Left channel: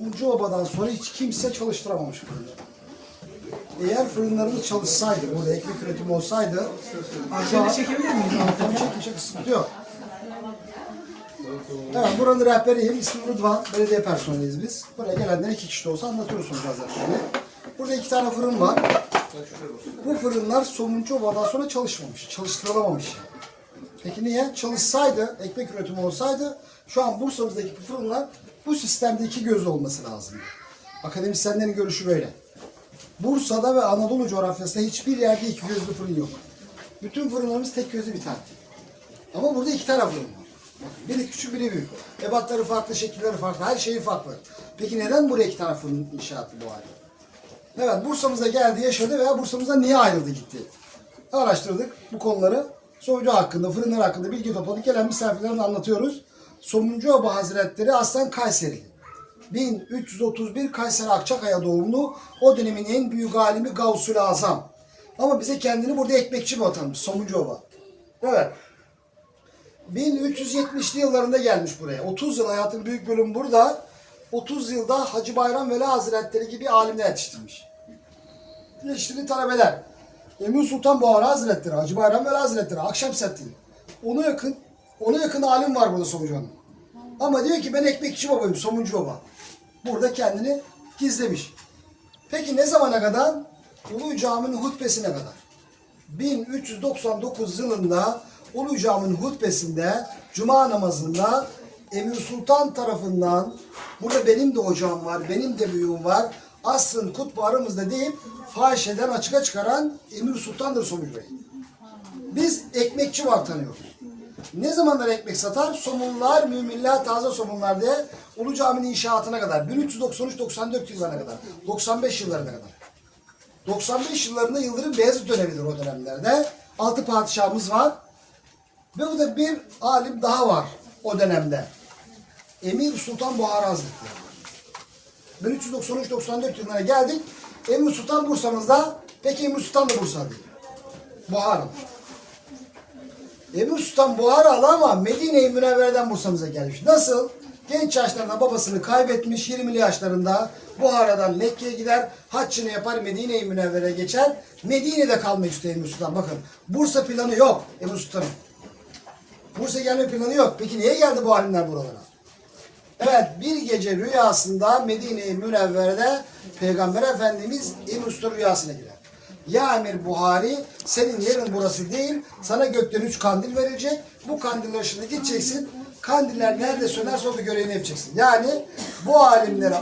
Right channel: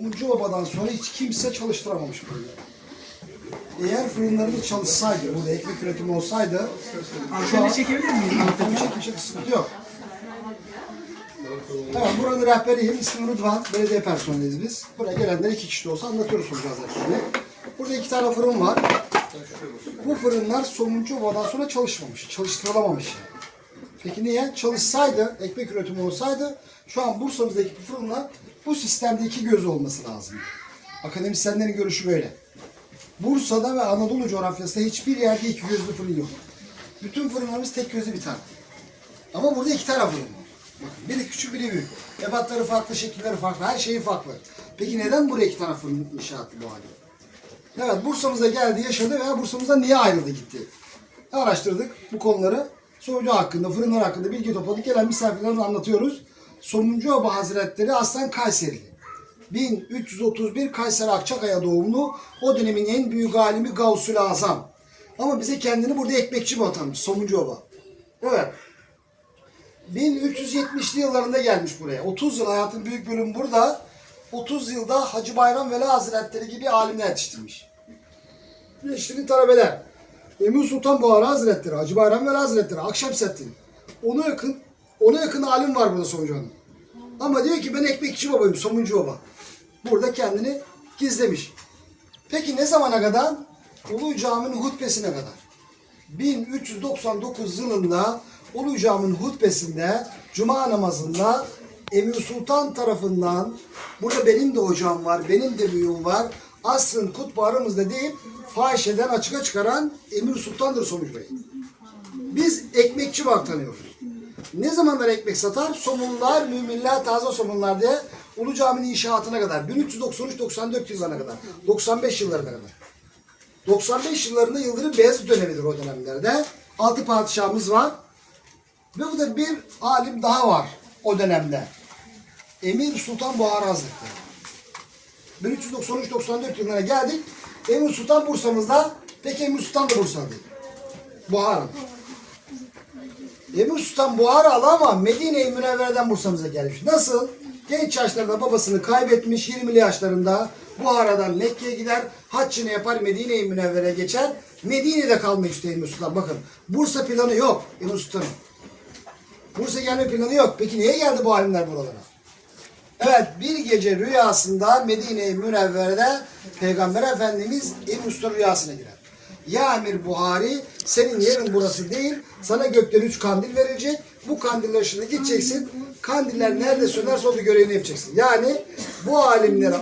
Mumcu Oba'dan sonra hiç kimse çalıştıramamış fırını. Eğer fırınlarımız çalışsaydı, burada ekmek üretimi olsaydı Seni çekebilir miyiz? Tabii çekin çekin sıkıntı yok. Evet buranın rehberiyim. İsmim Rıdvan. Belediye personeliyiz biz. Buraya gelenler iki kişi de olsa anlatıyoruz gazetelerini. Burada iki tane fırın var. Bu fırınlar Somuncu Oba'dan sonra çalışmamış. Çalıştırılamamış. Peki niye? Çalışsaydı, ekmek üretimi olsaydı şu an Bursa'mızdaki fırınlar bu sistemde iki gözü olması lazım. Akademisyenlerin görüşü böyle. Bursa'da ve Anadolu coğrafyasında hiçbir yerde iki gözlü fırın yok. Bütün fırınlarımız tek gözlü bir tane. Ama burada iki tane fırın var. Bakın biri küçük biri büyük. Ebatları farklı, şekilleri farklı, her şeyi farklı. Peki neden buraya iki tane fırın inşa etti bu halde? Evet Bursa'mıza geldi, yaşadı veya Bursa'mıza niye ayrıldı gitti? Araştırdık bu konuları. Soyucu hakkında, fırınlar hakkında bilgi topladık. Gelen misafirlerine anlatıyoruz. Somuncuoba Hazretleri aslen Kayseri. 1331 Kayseri Akçakaya doğumlu. O dönemin en büyük alimi Gavsül Azam. Ama bize kendini burada ekmekçi mi atanmış Somuncuoba? Evet. 1370'li yıllarında gelmiş buraya. 30 yıl hayatın büyük bölümü burada. 30 yılda Hacı Bayram Veli Hazretleri gibi alimler yetiştirmiş. Yetiştirdiği talebeler. Emir Sultan Buhari Hazretleri, Hacı Bayram Veli Hazretleri, Akşemseddin. Ona yakın, ona yakın alim var burada Somuncu Hanım. Ama diyor ki ben ekmekçi babayım, Somuncu baba. Burada kendini gizlemiş. Peki ne zamana kadar? Ulu Cami'nin hutbesine kadar. 1399 yılında Ulu Cami'nin hutbesinde Cuma namazında Emir Sultan tarafından burada benim de hocam var, benim de büyüğüm var. Asrın kutbu aramızda deyip fahişeden açığa çıkaran Emir Sultan'dır sonuç Bey. Biz ekmekçi var tanıyoruz. Ne zamanlar ekmek satar? Somunlar, müminler, taze somunlar diye Ulu Cami'nin inşaatına kadar. 1393-94 yıllarına kadar. 95 yıllarına kadar. 95 yıllarında Yıldırım Beyazıt dönemidir o dönemlerde. Altı padişahımız var. Ve burada bir alim daha var o dönemde. Emir Sultan Buhari Hazretleri. 1393-94 yılına geldik. Emir Sultan Bursa'mızda. Peki Emir Sultan da Bursa'da. Buhari. Emir Sultan Buharalı ama Medine-i Münevvere'den Bursa'mıza gelmiş. Nasıl? Genç yaşlarında babasını kaybetmiş 20'li yaşlarında Buhara'dan Mekke'ye gider, haccını yapar Medine-i Münevvere'ye geçer. Medine'de kalmak istiyor Emir Sultan. Bakın Bursa planı yok Emir Sultan'ın. Bursa gelme planı yok. Peki niye geldi bu alimler buralara? Evet bir gece rüyasında Medine-i Münevvere'de Peygamber Efendimiz Emir Sultan rüyasına girer. Ya Emir Buhari senin yerin burası değil. Sana gökten üç kandil verecek. Bu kandiller şimdi gideceksin. Kandiller nerede sönerse orada görevini yapacaksın. Yani bu alimlere